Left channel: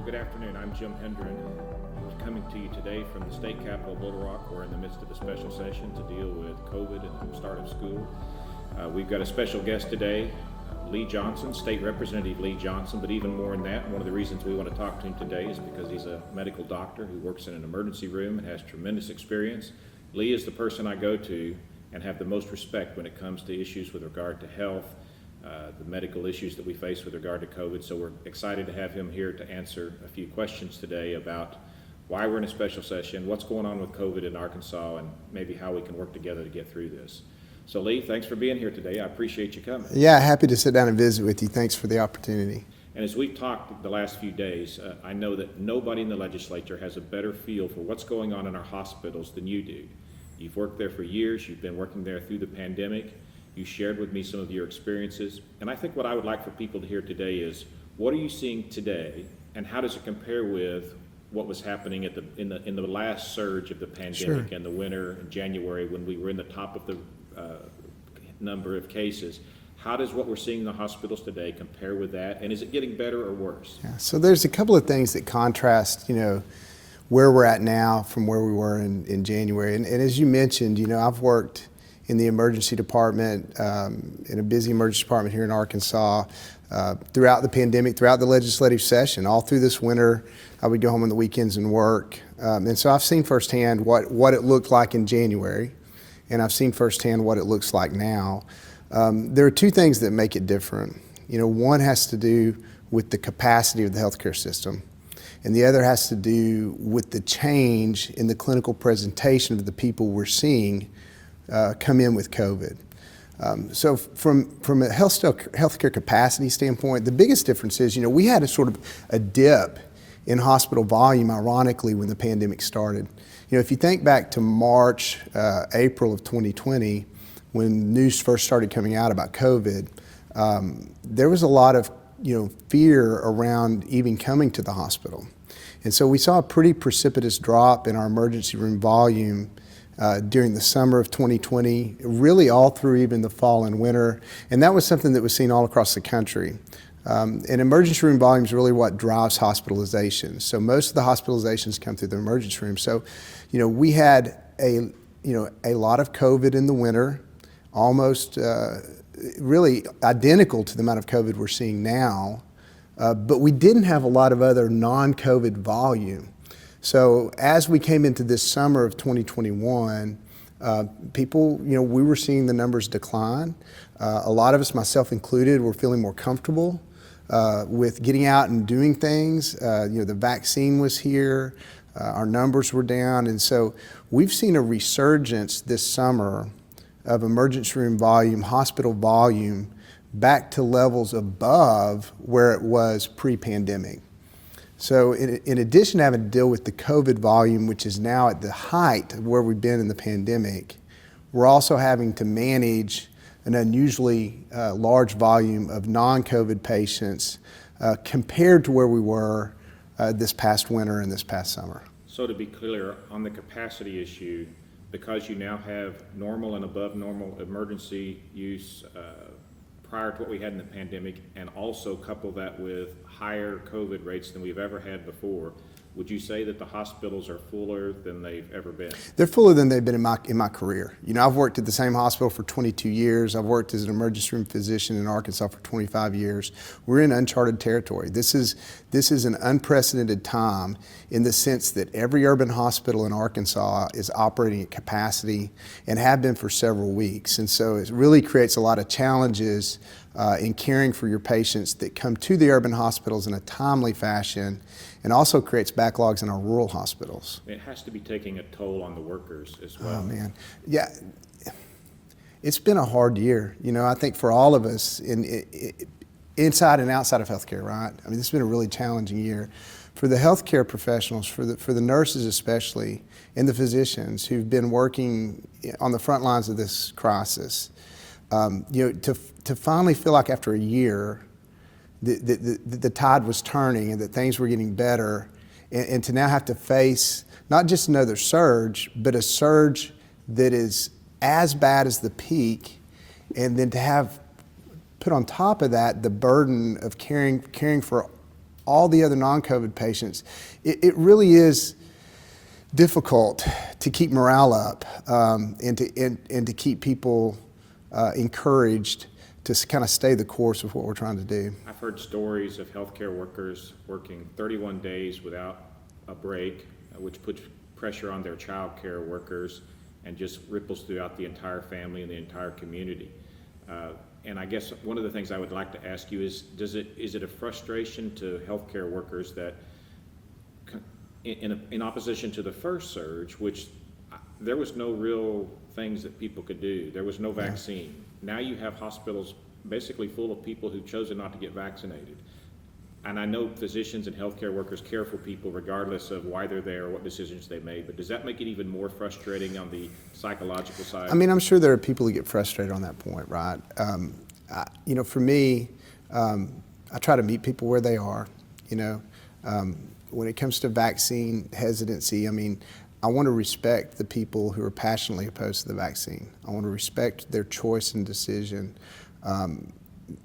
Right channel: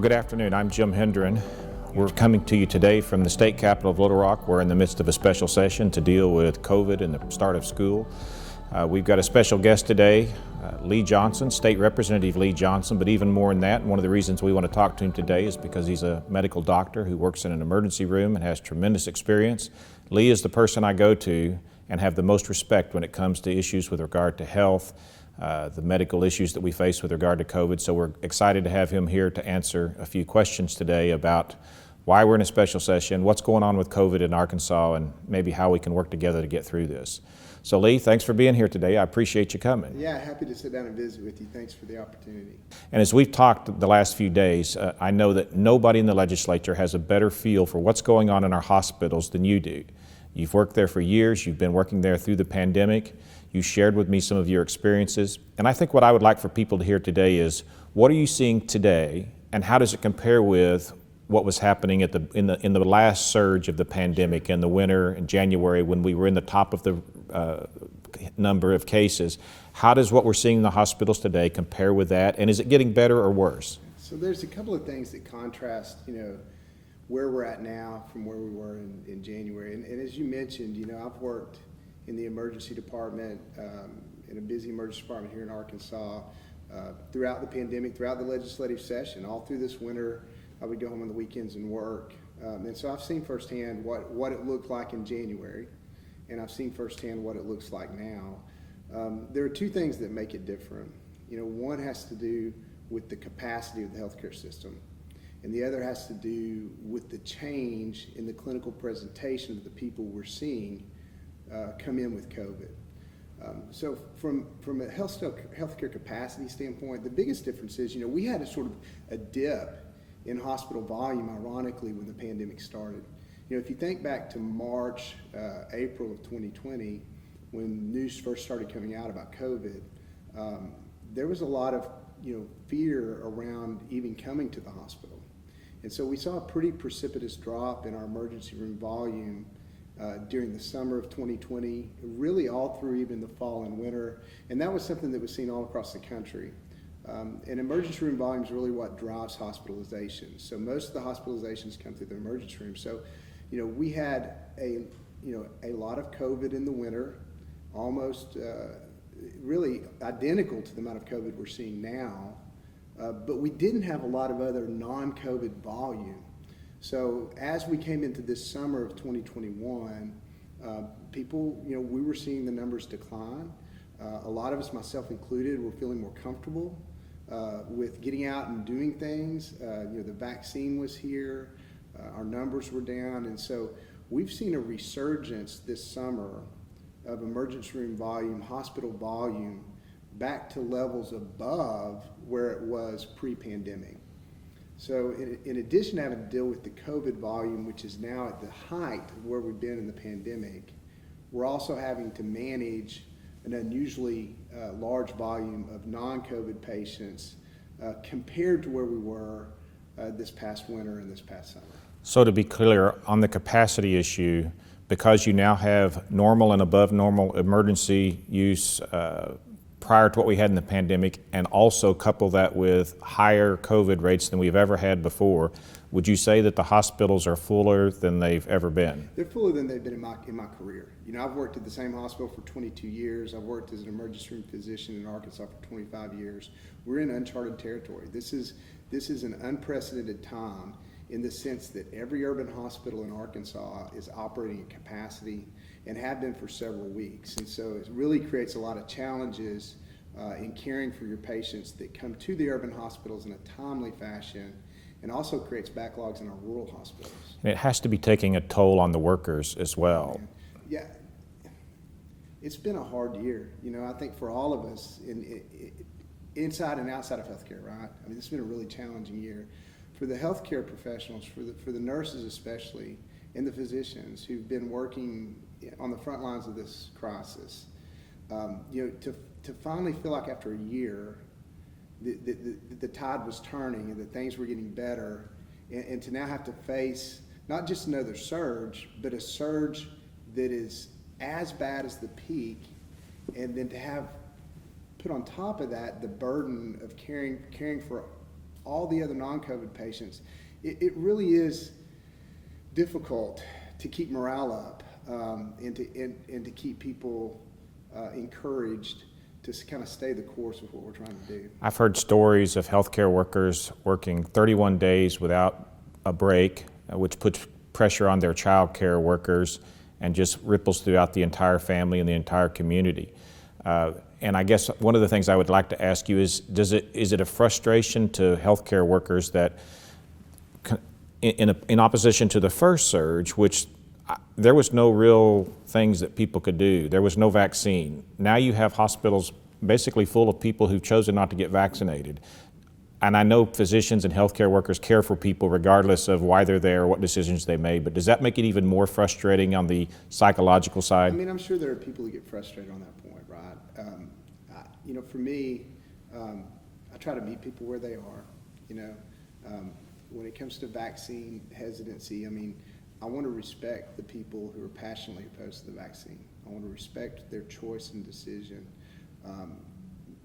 Well, good afternoon. I'm Jim Hendren. We're coming to you today from the state capital of Little Rock. We're in the midst of a special session to deal with COVID and the start of school. We've got a special guest today, Lee Johnson, State Representative Lee Johnson, but even more than that, one of the reasons we want to talk to him today is because he's a medical doctor who works in an emergency room and has tremendous experience. Lee is the person I go to and have the most respect when it comes to issues with regard to health, the medical issues that we face with regard to COVID. So we're excited to have him here to answer a few questions today about why we're in a special session, what's going on with COVID in Arkansas, and maybe how we can work together to get through this. So Lee, thanks for being here today. I appreciate you coming. Yeah, happy to sit down and visit with you. Thanks for the opportunity. And as we've talked the last few days, I know that nobody in the legislature has a better feel for what's going on in our hospitals than you do. You've worked there for years. You've been working there through the pandemic. You shared with me some of your experiences. And I think what I would like for people to hear today is, what are you seeing today, and how does it compare with what was happening at in the last surge of the pandemic? Sure. In the winter in January, when we were in the top of the number of cases? How does what we're seeing in the hospitals today compare with that, and is it getting better or worse? Yeah, so there's a couple of things that contrast, where we're at now from where we were in January. And as you mentioned, I've worked in the emergency department, in a busy emergency department here in Arkansas, throughout the pandemic, throughout the legislative session, all through this winter. I would go home on the weekends and work. And so I've seen firsthand what it looked like in January, and I've seen firsthand what it looks like now. There are two things that make it different. One has to do with the capacity of the healthcare system, and the other has to do with the change in the clinical presentation of the people we're seeing come in with COVID. So from a healthcare capacity standpoint, the biggest difference is, we had a sort of a dip in hospital volume, ironically, when the pandemic started. If you think back to March, April of 2020, when news first started coming out about COVID, there was a lot of fear around even coming to the hospital. And so we saw a pretty precipitous drop in our emergency room volume during the summer of 2020, really all through even the fall and winter. And that was something that was seen all across the country. And emergency room volume is really what drives hospitalizations. So most of the hospitalizations come through the emergency room. So, we had a lot of COVID in the winter, almost really identical to the amount of COVID we're seeing now. But we didn't have a lot of other non-COVID volume. So as we came into this summer of 2021, people, we were seeing the numbers decline. A lot of us, myself included, were feeling more comfortable with getting out and doing things. The vaccine was here, our numbers were down, and so we've seen a resurgence this summer of emergency room volume, hospital volume, back to levels above where it was pre-pandemic. So in addition to having to deal with the COVID volume, which is now at the height of where we've been in the pandemic, we're also having to manage an unusually large volume of non-COVID patients compared to where we were this past winter and this past summer. So to be clear, on the capacity issue, because you now have normal and above normal emergency use prior to what we had in the pandemic, and also couple that with higher COVID rates than we've ever had before, would you say that the hospitals are fuller than they've ever been? They're fuller than they've been in my career. I've worked at the same hospital for 22 years. I've worked as an emergency room physician in Arkansas for 25 years. We're in uncharted territory. This is an unprecedented time in the sense that every urban hospital in Arkansas is operating at capacity and have been for several weeks. And so it really creates a lot of challenges in caring for your patients that come to the urban hospitals in a timely fashion, and also creates backlogs in our rural hospitals. It has to be taking a toll on the workers as well. Oh, man. Yeah, it's been a hard year. I think for all of us inside and outside of healthcare, right? I mean, this has been a really challenging year. For the healthcare professionals, for the nurses especially, and the physicians who've been working on the front lines of this crisis, to finally feel like after a year, the tide was turning and that things were getting better, and to now have to face not just another surge, but a surge that is as bad as the peak, and then to have put on top of that the burden of caring for all the other non-COVID patients, it really is difficult to keep morale up and to keep people encouraged to kind of stay the course of what we're trying to do. I've heard stories of healthcare workers working 31 days without a break, which puts pressure on their child care workers and just ripples throughout the entire family and the entire community. And I guess one of the things I would like to ask you is it a frustration to healthcare workers that in opposition to the first surge, which there was no real things that people could do. There was no vaccine. Now you have hospitals basically full of people who've chosen not to get vaccinated. And I know physicians and healthcare workers care for people regardless of why they're there, what decisions they made, but does that make it even more frustrating on the psychological side? I mean, I'm sure there are people who get frustrated on that point, right? For me, I try to meet people where they are, when it comes to vaccine hesitancy, I want to respect the people who are passionately opposed to the vaccine. I want to respect their choice and decision.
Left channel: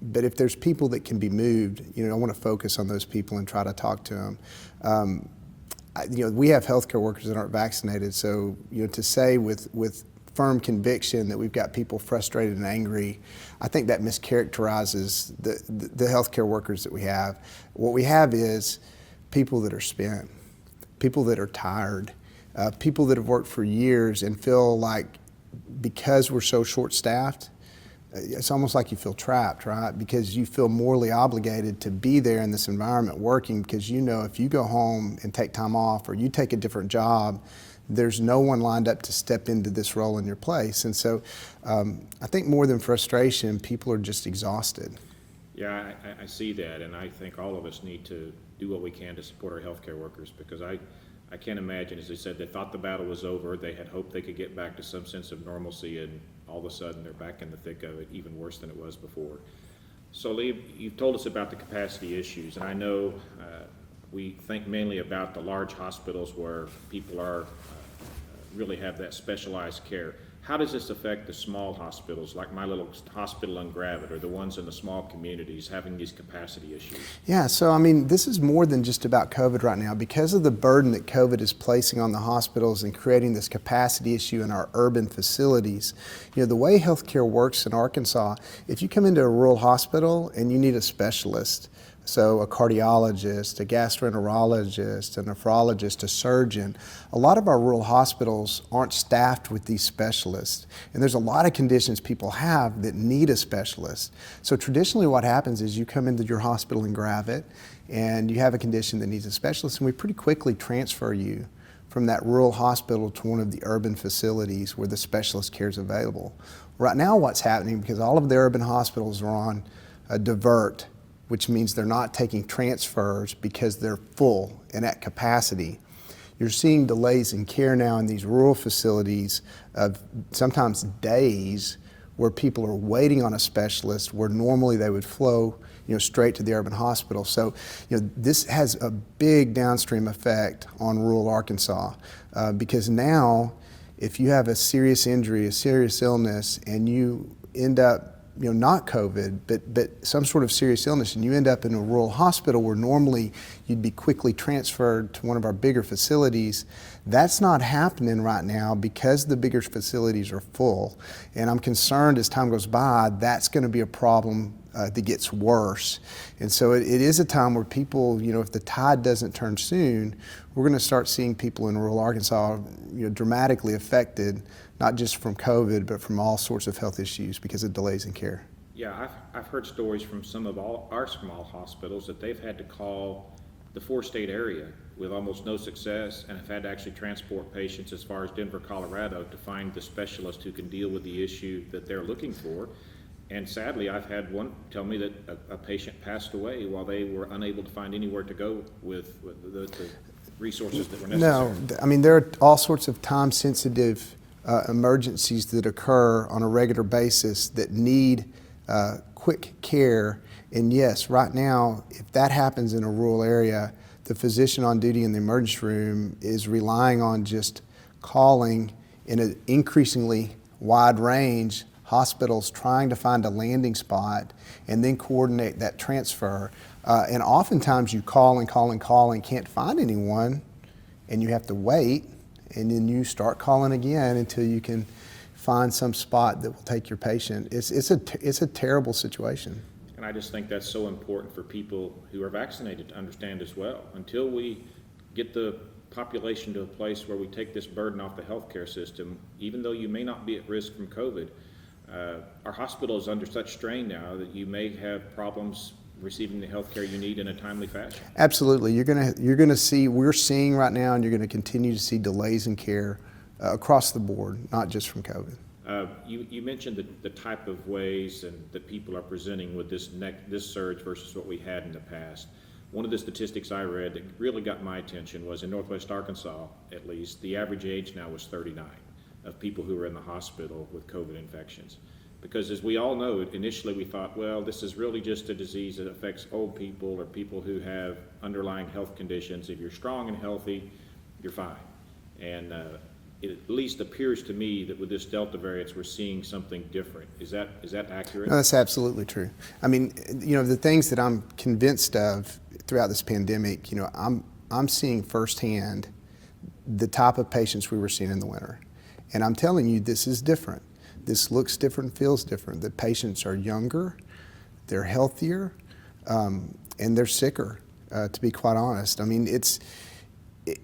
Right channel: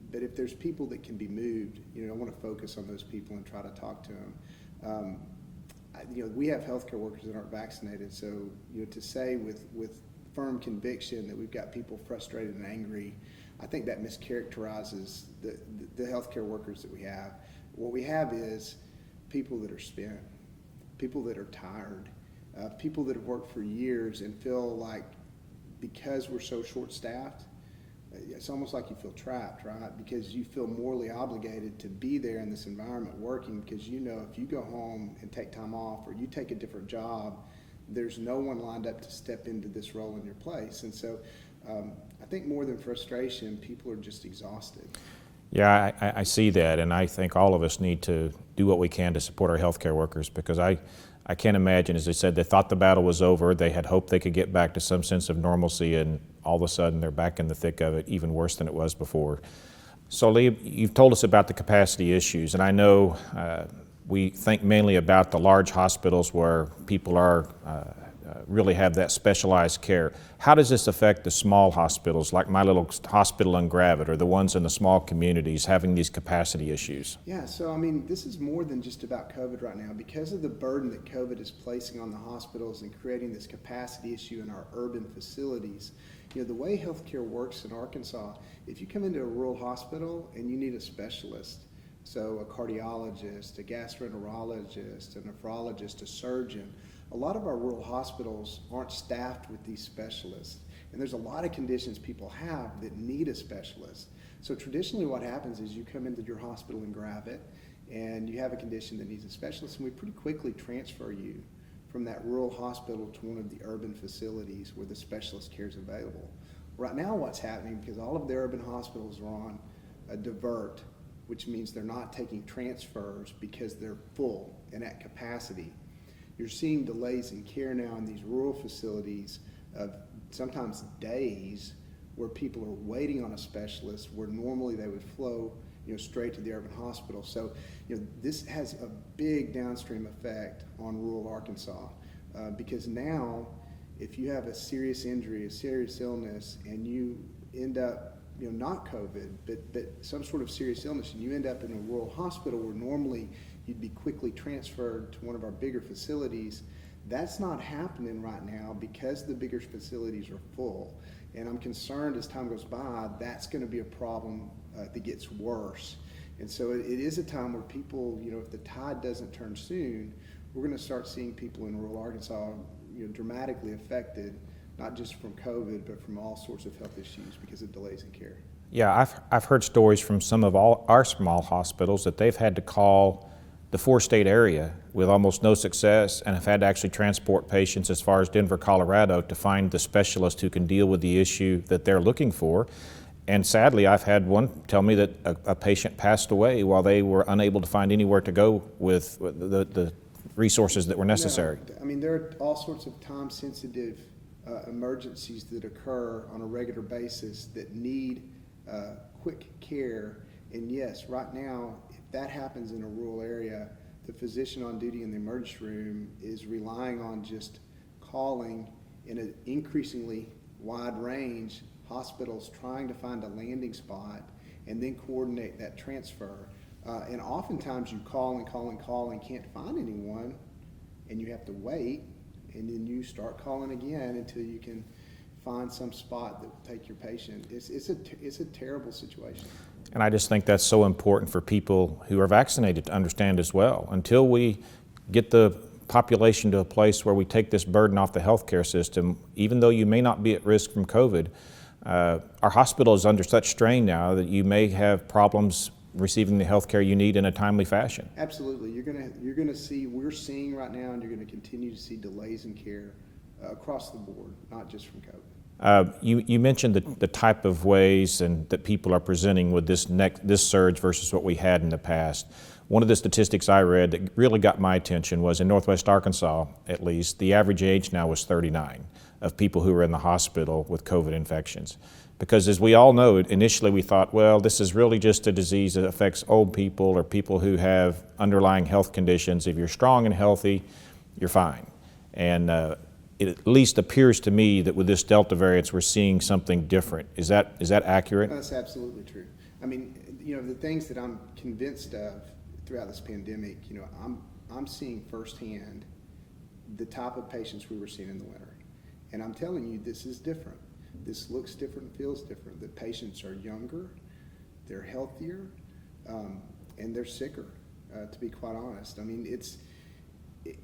But if there's people that can be moved, I want to focus on those people and try to talk to them. We have healthcare workers that aren't vaccinated, so to say with firm conviction that we've got people frustrated and angry, I think that mischaracterizes the healthcare workers that we have. What we have is people that are spent, people that are tired, people that have worked for years and feel like because we're so short-staffed, it's almost like you feel trapped, right? Because you feel morally obligated to be there in this environment working because if you go home and take time off or you take a different job, there's no one lined up to step into this role in your place. And so I think more than frustration, people are just exhausted. Yeah, I see that, and I think all of us need to do what we can to support our healthcare workers because I can't imagine, as they said, they thought the battle was over, they had hoped they could get back to some sense of normalcy, and all of a sudden they're back in the thick of it, even worse than it was before. So Lee, you've told us about the capacity issues, and I know we think mainly about the large hospitals where people are really have that specialized care. How does this affect the small hospitals, like my little hospital in Greenwood, or the ones in the small communities having these capacity issues? Yeah, so this is more than just about COVID right now. Because of the burden that COVID is placing on the hospitals and creating this capacity issue in our urban facilities, the way healthcare works in Arkansas, if you come into a rural hospital and you need a specialist, so a cardiologist, a gastroenterologist, a nephrologist, a surgeon. A lot of our rural hospitals aren't staffed with these specialists. And there's a lot of conditions people have that need a specialist. So traditionally what happens is you come into your hospital in Greenwood and you have a condition that needs a specialist, and we pretty quickly transfer you from that rural hospital to one of the urban facilities where the specialist care is available. Right now what's happening, because all of the urban hospitals are on a divert, which means they're not taking transfers because they're full and at capacity. You're seeing delays in care now in these rural facilities of sometimes days where people are waiting on a specialist where normally they would flow straight to the urban hospital. So this has a big downstream effect on rural Arkansas because now if you have a serious injury, a serious illness, and you end up not COVID, but some sort of serious illness, and you end up in a rural hospital where normally you'd be quickly transferred to one of our bigger facilities. That's not happening right now because the bigger facilities are full. And I'm concerned as time goes by, that's going to be a problem that gets worse. And so it is a time where people, if the tide doesn't turn soon, we're going to start seeing people in rural Arkansas dramatically affected, not just from COVID, but from all sorts of health issues because of delays in care. Yeah, I've heard stories from some of our small hospitals that they've had to call the 4-state area with almost no success and have had to actually transport patients as far as Denver, Colorado to find the specialist who can deal with the issue that they're looking for. And sadly, I've had one tell me that a patient passed away while they were unable to find anywhere to go with the resources that were necessary. No, there are all sorts of time-sensitive emergencies that occur on a regular basis that need quick care. And yes, right now, if that happens in a rural area, the physician on duty in the emergency room is relying on just calling in an increasingly wide range hospitals trying to find a landing spot and then coordinate that transfer. And oftentimes you call and call and call and can't find anyone, and you have to wait, and then you start calling again until you can find some spot that will take your patient. It's a terrible situation. And I just think that's so important for people who are vaccinated to understand as well. Until we get the population to a place where we take this burden off the healthcare system, even though you may not be at risk from COVID, our hospital is under such strain now that you may have problems receiving the health care you need in a timely fashion. Absolutely. You're gonna see, we're seeing right now, and you're gonna continue to see delays in care across the board, not just from COVID. You mentioned the type of ways and that people are presenting with this surge versus what we had in the past. One of the statistics I read that really got my attention was in Northwest Arkansas, at least, the average age now was 39 of people who were in the hospital with COVID infections. Because as we all know, initially we thought, well, this is really just a disease that affects old people or people who have underlying health conditions. If you're strong and healthy, you're fine. And it at least appears to me that with this Delta variant, we're seeing something different. Is that accurate? No, that's absolutely true. I mean, the things that I'm convinced of throughout this pandemic, I'm seeing firsthand the type of patients we were seeing in the winter. And I'm telling you, this is different. This looks different, feels different. The patients are younger, they're healthier, and they're sicker, to be quite honest. I mean,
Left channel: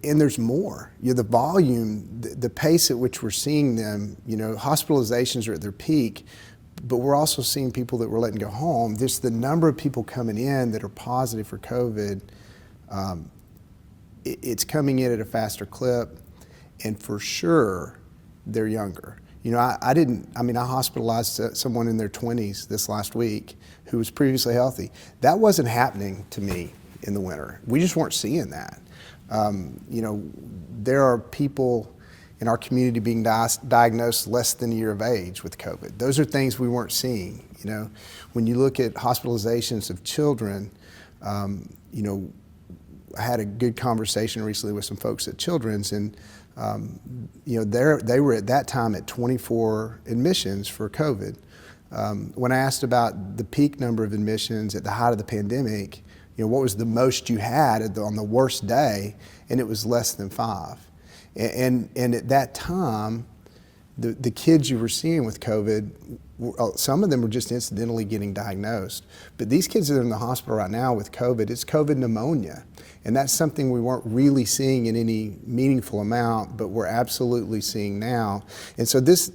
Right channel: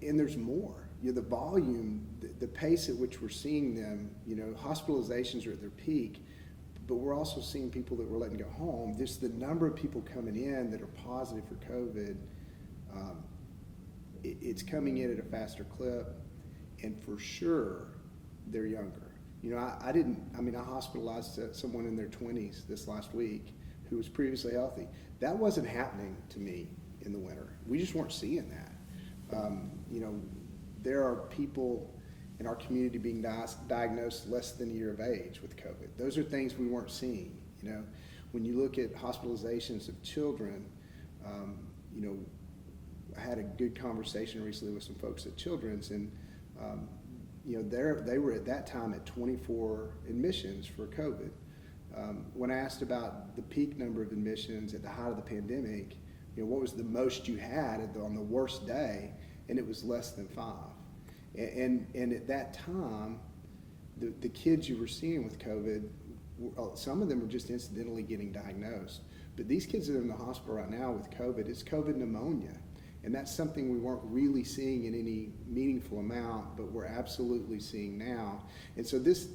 and there's more. The volume, the pace at which we're seeing them, hospitalizations are at their peak, but we're also seeing people that we're letting go home. Just the number of people coming in that are positive for COVID, it's coming in at a faster clip, and for sure, they're younger. I hospitalized someone in their 20s this last week who was previously healthy. That wasn't happening to me in the winter. We just weren't seeing that. There are people in our community being diagnosed less than a year of age with COVID. Those are things we weren't seeing. When you look at hospitalizations of children, I had a good conversation recently with some folks at Children's, and they were at that time at 24 admissions for COVID. When I asked about the peak number of admissions at the height of the pandemic, what was the most you had on the worst day, and it was less than 5. And at that time, the kids you were seeing with COVID, some of them were just incidentally getting diagnosed. But these kids that are in the hospital right now with COVID, it's COVID pneumonia. And that's something we weren't really seeing in any meaningful amount, but we're absolutely seeing now. And so this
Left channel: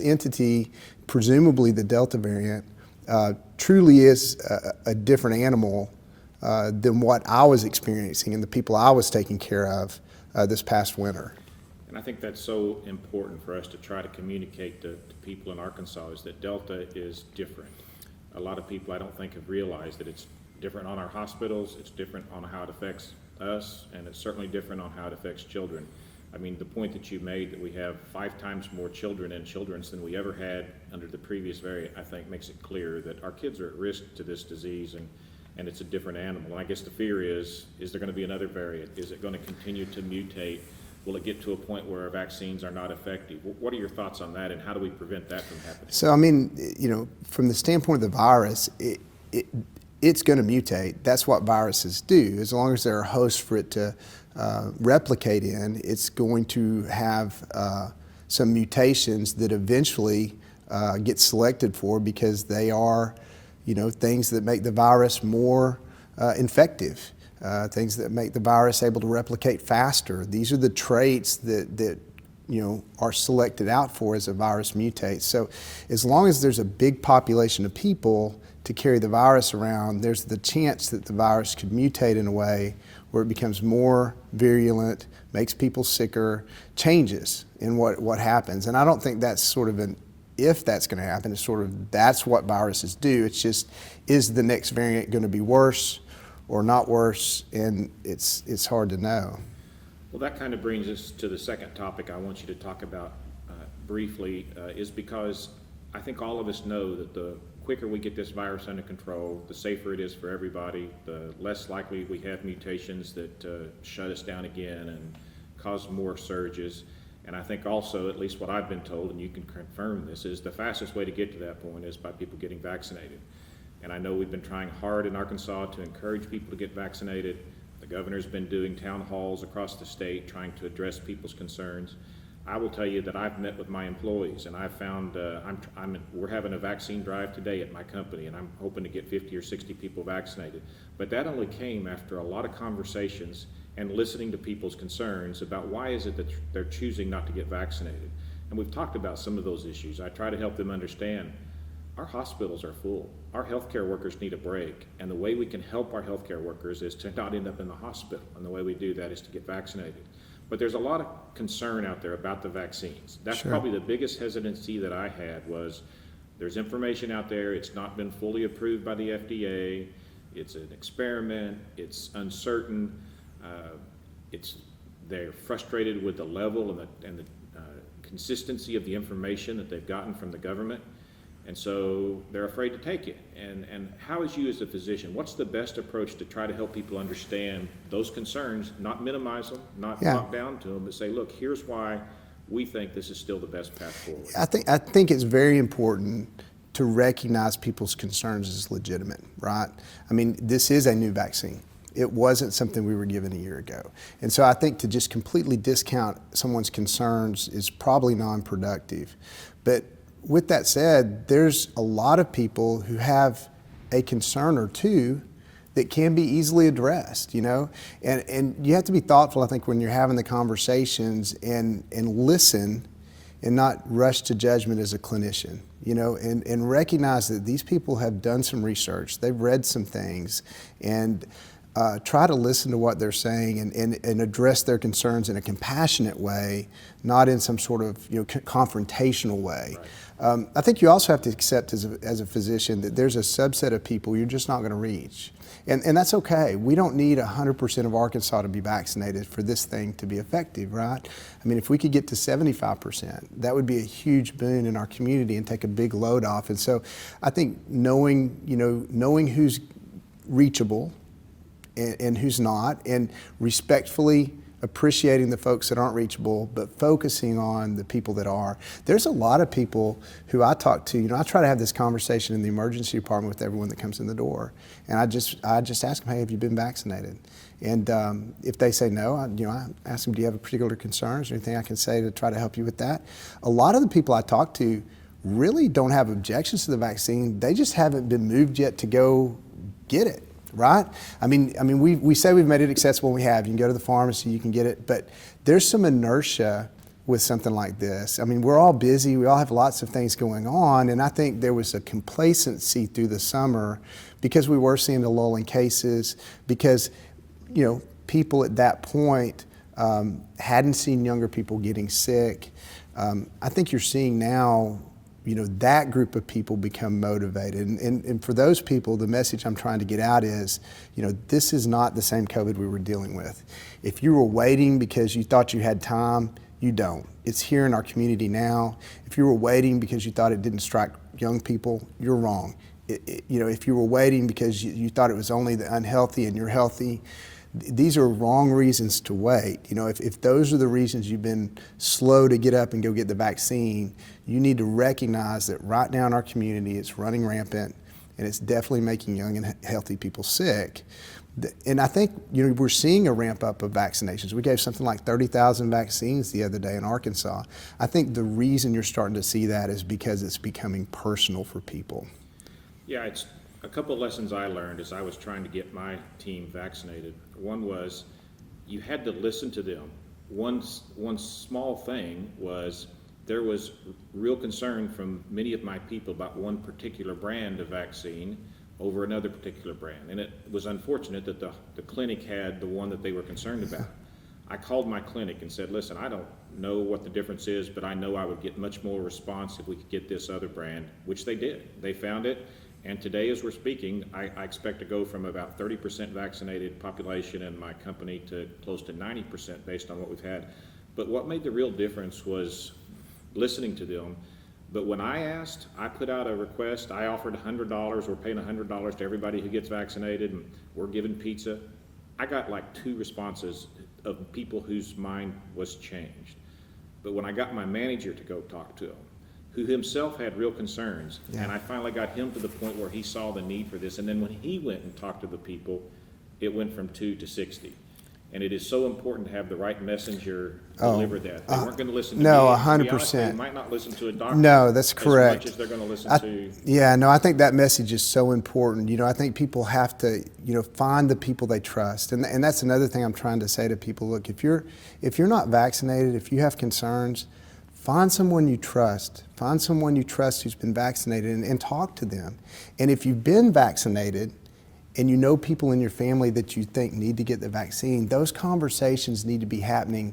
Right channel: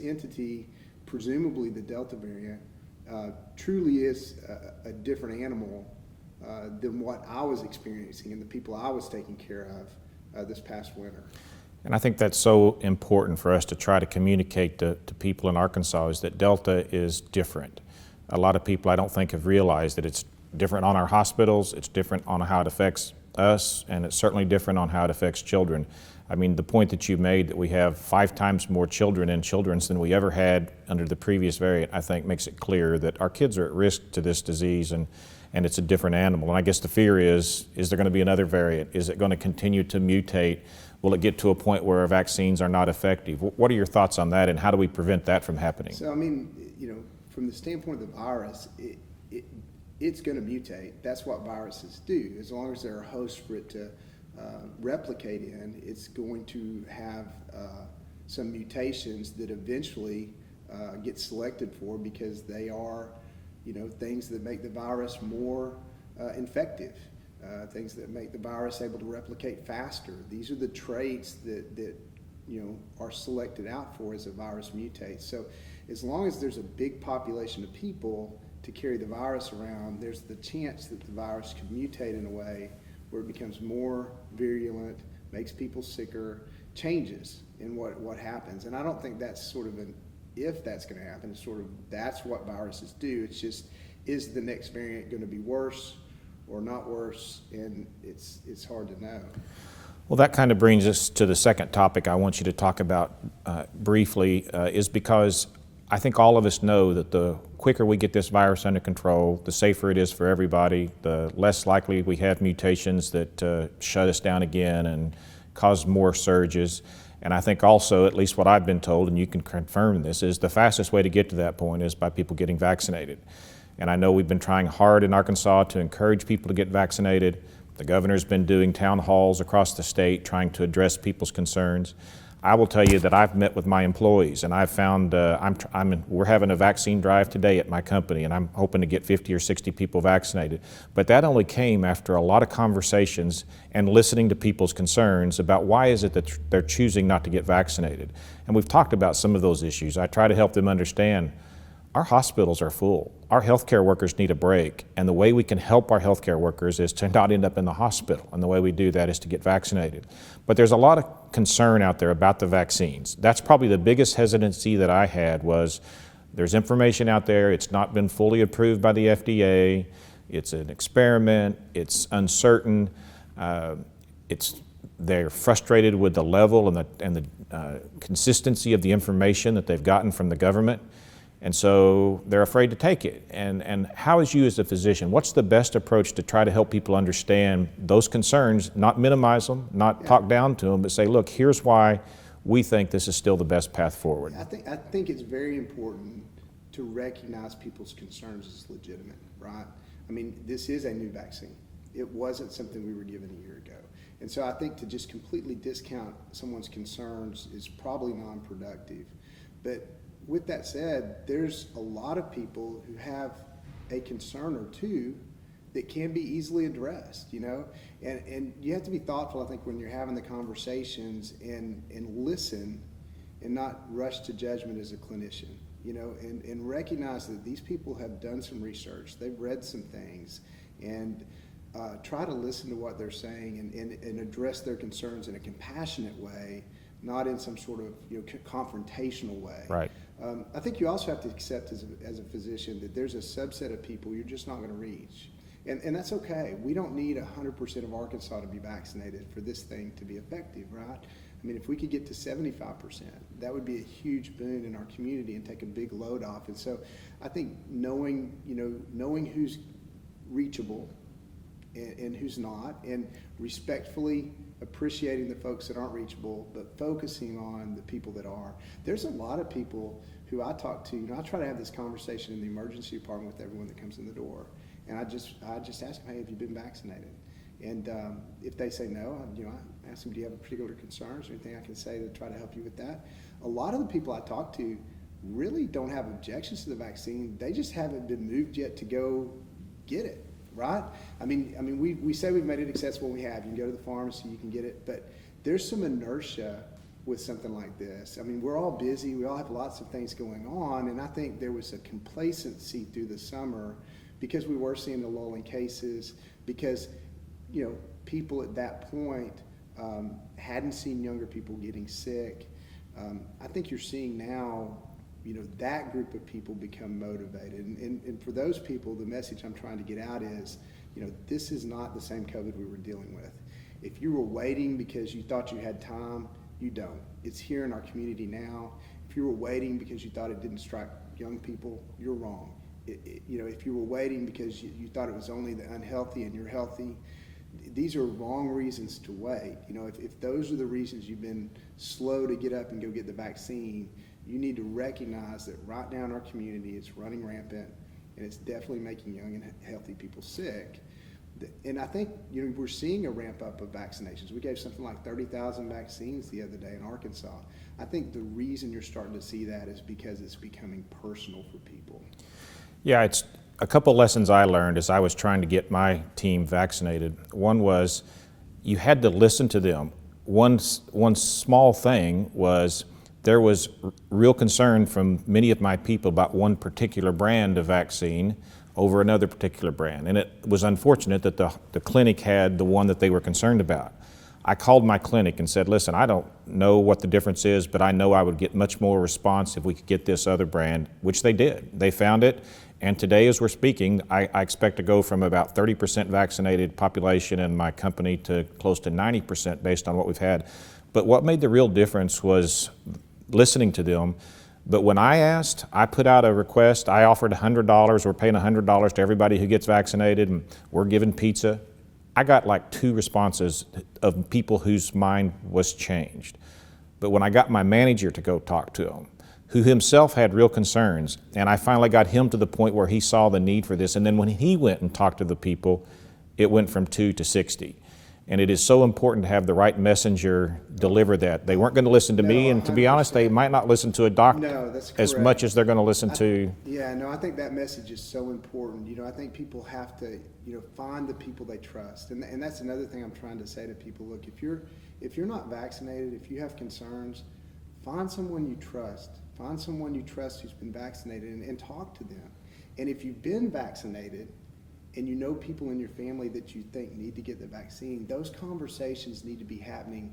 entity, presumably the Delta variant, truly is a different animal than what I was experiencing and the people I was taking care of this past winter. And I think that's so important for us to try to communicate to people in Arkansas, is that Delta is different. A lot of people, I don't think, have realized that it's different on our hospitals, it's different on how it affects us, and it's certainly different on how it affects children. I mean, the point that you made that we have 5 times more children in Children's than we ever had under the previous variant, I think makes it clear that our kids are at risk to this disease, and it's a different animal. And I guess the fear is there going to be another variant? Is it going to continue to mutate? Will it get to a point where our vaccines are not effective? What are your thoughts on that, and how do we prevent that from happening? So, I mean, from the standpoint of the virus, it's going to mutate. That's what viruses do. As long as there are hosts for it to replicate in, it's going to have some mutations that eventually get selected for, because they are, things that make the virus more infective, things that make the virus able to replicate faster. These are the traits that are selected out for as a virus mutates. So as long as there's a big population of people to carry the virus around, there's the chance that the virus could mutate in a way where it becomes more virulent, makes people sicker, changes in what happens. And I don't think that's sort of if that's going to happen. It's sort of, that's what viruses do. It's just, is the next variant going to be worse or not worse? And it's hard to know. Well, that kind of brings us to the second topic I want you to talk about briefly, is because I think all of us know that the quicker we get this virus under control, the safer it is for everybody, the less likely we have mutations that shut us down again and cause more surges. And I think also, at least what I've been told, and you can confirm this, is the fastest way to get to that point is by people getting vaccinated. And I know we've been trying hard in Arkansas to encourage people to get vaccinated. The governor's been doing town halls across the state trying to address people's concerns. I will tell you that I've met with my employees, and I've found we're having a vaccine drive today at my company, and I'm hoping to get 50 or 60 people vaccinated. But that only came after a lot of conversations and listening to people's concerns about why is it that they're choosing not to get vaccinated. And we've talked about some of those issues. I try to help them understand our hospitals are full. Our healthcare workers need a break, and the way we can help our healthcare workers is to not end up in the hospital, and the way we do that is to get vaccinated. But there's a lot of concern out there about the vaccines. That's probably the biggest hesitancy that I had was there's information out there, it's not been fully approved by the FDA, it's an experiment, it's uncertain, they're frustrated with the level and the consistency of the information that they've gotten from the government. And so they're afraid to take it. And how is you as a physician, what's the best approach to try to help people understand those concerns, not minimize them, not talk down to them, but say, look, here's why we think this is still the best path forward? I think it's very important to recognize people's concerns as legitimate, right? I mean, this is a new vaccine. It wasn't something we were given a year ago. And so I think to just completely discount someone's concerns is probably non-productive. But with that said, there's a lot of people who have a concern or two that can be easily addressed, you know? And you have to be thoughtful, I think, when you're having the conversations and listen and not rush to judgment as a clinician, you know, and recognize that these people have done some research, they've read some things, and try to listen to what they're saying and address their concerns in a compassionate way, not in some sort of confrontational way. Right. I think you also have to accept as a physician that there's a subset of people you're just not going to reach. And that's okay. We don't need 100% of Arkansas to be vaccinated for this thing to be effective, right? I mean, if we could get to 75%, that would be a huge boon in our community and take a big load off. And so I think knowing who's reachable and who's not, and respectfully appreciating the folks that aren't reachable, but focusing on the people that are. There's a lot of people who I talk to, I try to have this conversation in the emergency department with everyone that comes in the door. And I just ask them, hey, have you been vaccinated? And if they say no, I ask them, do you have a particular concerns or anything I can say to try to help you with that? A lot of the people I talk to really don't have objections to the vaccine. They just haven't been moved yet to go get it. Right? I mean, we say we've made it accessible. We have. You can go to the pharmacy, you can get it. But there's some inertia with something like this. I mean, we're all busy. We all have lots of things going on. And I think there was a complacency through the summer because we were seeing the lull in cases, because, people at that point hadn't seen younger people getting sick. I think you're seeing now that group of people become motivated. And for those people, the message I'm trying to get out is, this is not the same COVID we were dealing with. If you were waiting because you thought you had time, you don't. It's here in our community now. If you were waiting because you thought it didn't strike young people, you're wrong. If you were waiting because you thought it was only the unhealthy and you're healthy, these are wrong reasons to wait. If those are the reasons you've been slow to get up and go get the vaccine, you need to recognize that right now in our community, it's running rampant, and it's definitely making young and healthy people sick. And I think we're seeing a ramp up of vaccinations. We gave something like 30,000 vaccines the other day in Arkansas. I think the reason you're starting to see that is because it's becoming personal for people. Yeah, it's a couple lessons I learned as I was trying to get my team vaccinated. One was you had to listen to them. One small thing was there was real concern from many of my people about one particular brand of vaccine over another particular brand. And it was unfortunate that the clinic had the one that they were concerned about. I called my clinic and said, listen, I don't know what the difference is, but I know I would get much more response if we could get this other brand, which they did. They found it. And today, as we're speaking, I expect to go from about 30% vaccinated population in my company to close to 90% based on what we've had. But what made the real difference was listening to them. But when I asked, I put out a request. I offered $100. We're paying $100 to everybody who gets vaccinated, and we're giving pizza. I got like 2 responses of people whose mind was changed. But when I got my manager to go talk to them, who himself had real concerns. And I finally got him to the point where he saw the need for this. And then when he went and talked to the people, it went from 2 to 60. And it is so important to have the right messenger deliver that. They weren't going to listen to me, and to be honest, they might not listen to a doctor. No, that's correct. As much as they're going to listen to. Yeah, no, I think that message is so important. I think people have to, find the people they trust, and that's another thing I'm trying to say to people. Look, if you're not vaccinated, if you have concerns, find someone you trust. Find someone you trust who's been vaccinated, and talk to them. And if you've been vaccinated, and you know people in your family that you think need to get the vaccine, those conversations need to be happening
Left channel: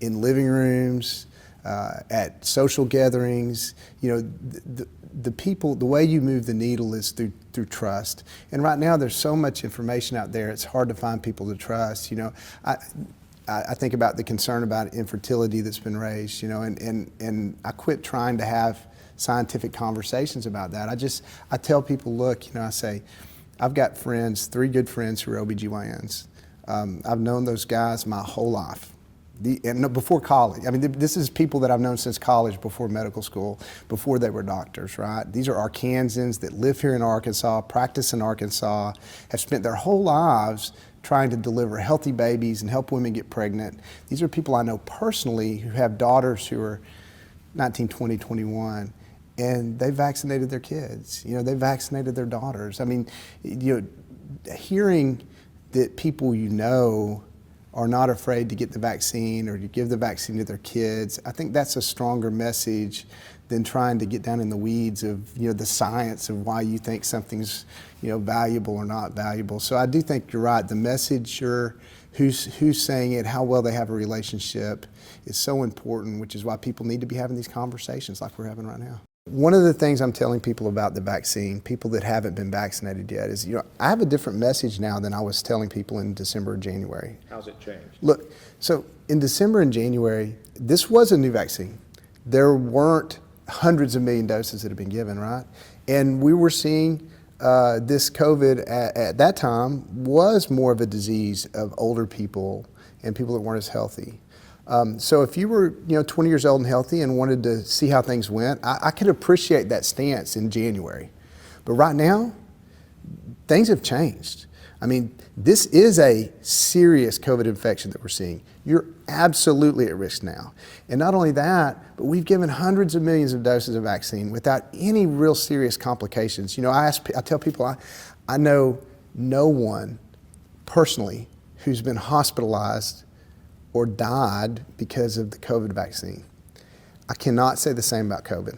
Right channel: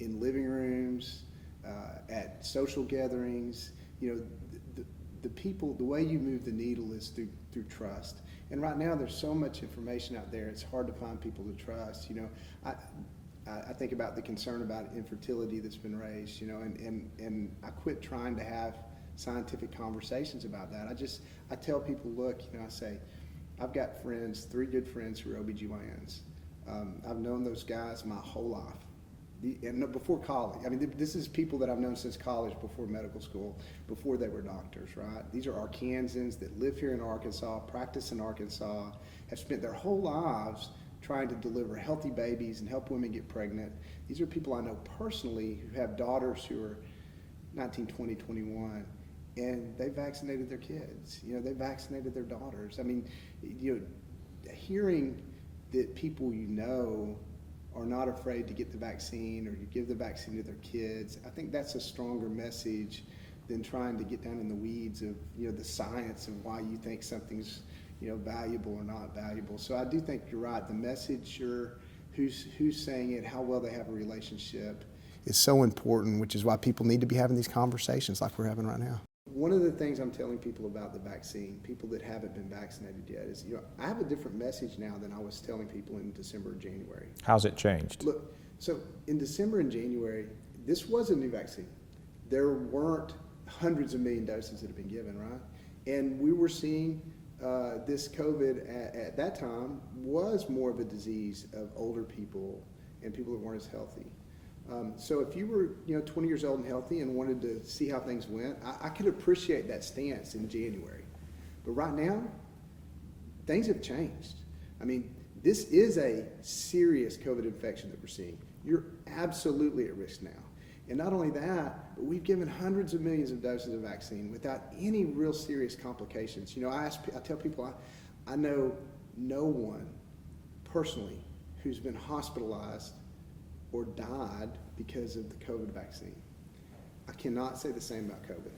in living rooms, at social gatherings. The people, the way you move the needle is through trust. And right now there's so much information out there, it's hard to find people to trust. I think about the concern about infertility that's been raised, and I quit trying to have scientific conversations about that. I tell people, look, I say, I've got friends, 3 good friends who are OBGYNs. I've known those guys my whole life, and before college. I mean, this is people that I've known since college, before medical school, before they were doctors, right? These are Arkansans that live here in Arkansas, practice in Arkansas, have spent their whole lives trying to deliver healthy babies and help women get pregnant. These are people I know personally who have daughters who are 19, 20, 21. And they vaccinated their kids. They vaccinated their daughters. I mean, hearing that people are not afraid to get the vaccine or to give the vaccine to their kids, I think that's a stronger message than trying to get down in the weeds of the science of why you think something's valuable or not valuable. So I do think you're right. The messenger, who's saying it, how well they have a relationship, is so important, which is why people need to be having these conversations like we're having right now. One of the things I'm telling people about the vaccine, people that haven't been vaccinated yet, is I have a different message now than I was telling people in December or January. How's it changed? Look, so in December and January, this was a new vaccine. There weren't hundreds of million doses that have been given, right? And we were seeing this COVID at that time was more of a disease of older people and people that weren't as healthy. So if you were 20 years old and healthy and wanted to see how things went, I could appreciate that stance in January. But right now, things have changed. I mean, this is a serious COVID infection that we're seeing. You're absolutely at risk now. And not only that, but we've given hundreds of millions of doses of vaccine without any real serious complications. I tell people, I know no one personally who's been hospitalized or died because of the COVID vaccine. I cannot say the same about COVID.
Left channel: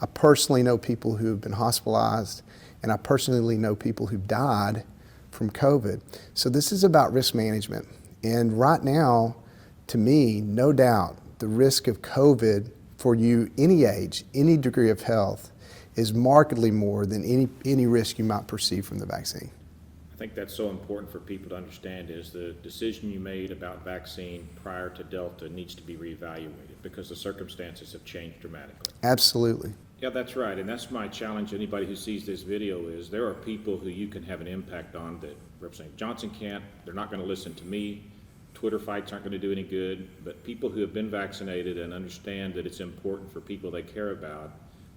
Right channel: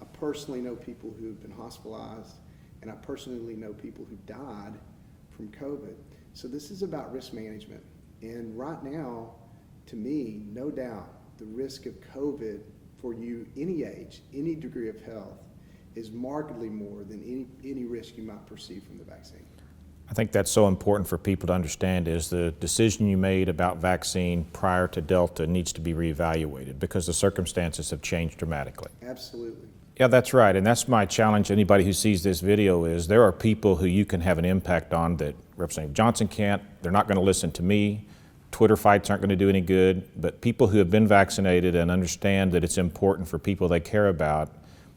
I personally know people who have been hospitalized, and I personally know people who've died from COVID. So this is about risk management. And right now, to me, no doubt, the risk of COVID for you, any age, any degree of health, is markedly more than any risk you might perceive from the vaccine. I think that's so important for people to understand, is the decision you made about vaccine prior to Delta needs to be reevaluated because the circumstances have changed dramatically. Absolutely. Yeah, that's right. And that's my challenge to anybody who sees this video is there are people who you can have an impact on that Representative Johnson can't. They're not going to listen to me. Twitter fights aren't going to do any good. But people who have been vaccinated and understand that it's important for people they care about,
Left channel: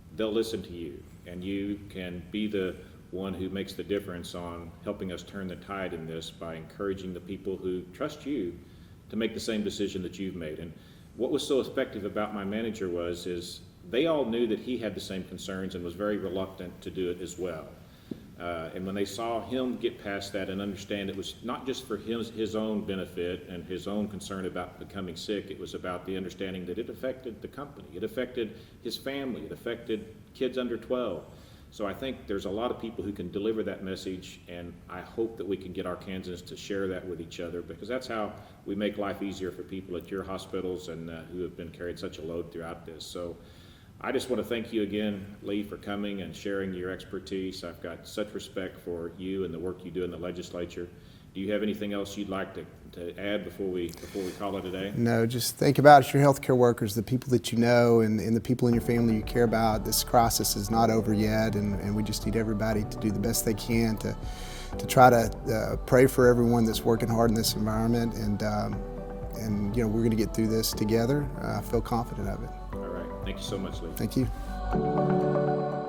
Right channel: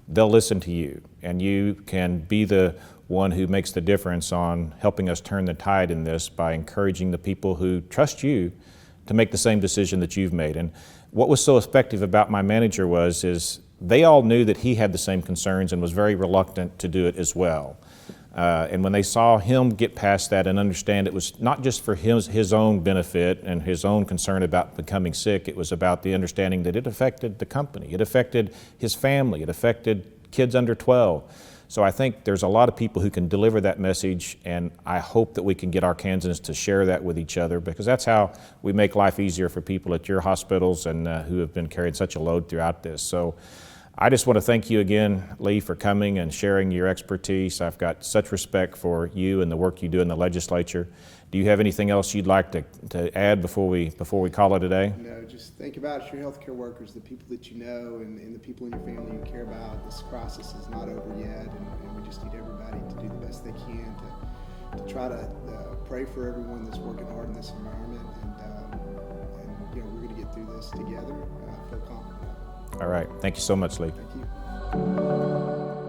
they'll listen to you. And you can be the one who makes the difference on helping us turn the tide in this by encouraging the people who trust you to make the same decision that you've made. And what was so effective about my manager is they all knew that he had the same concerns and was very reluctant to do it as well. And when they saw him get past that and understand it was not just for his own benefit and his own concern about becoming sick, it was about the understanding that it affected the company, it affected his family, it affected kids under 12. So I think there's a lot of people who can deliver that message, and I hope that we can get Arkansans to share that with each other, because that's how we make life easier for people at your hospitals and who have been carrying such a load throughout this. So I just want to thank you again, Lee, for coming and sharing your expertise. I've got such respect for you and the work you do in the legislature. Do you have anything else you'd like to add before we call it a day? No, just think about your healthcare workers, the people that you know, and the people in your family you care about. This crisis is not over yet, and we just need everybody to do the best they can to try to pray for everyone that's working hard in this environment, and we're going to get through this together. I feel confident of it. All right. Thank you so much, Lee. Thank you. you.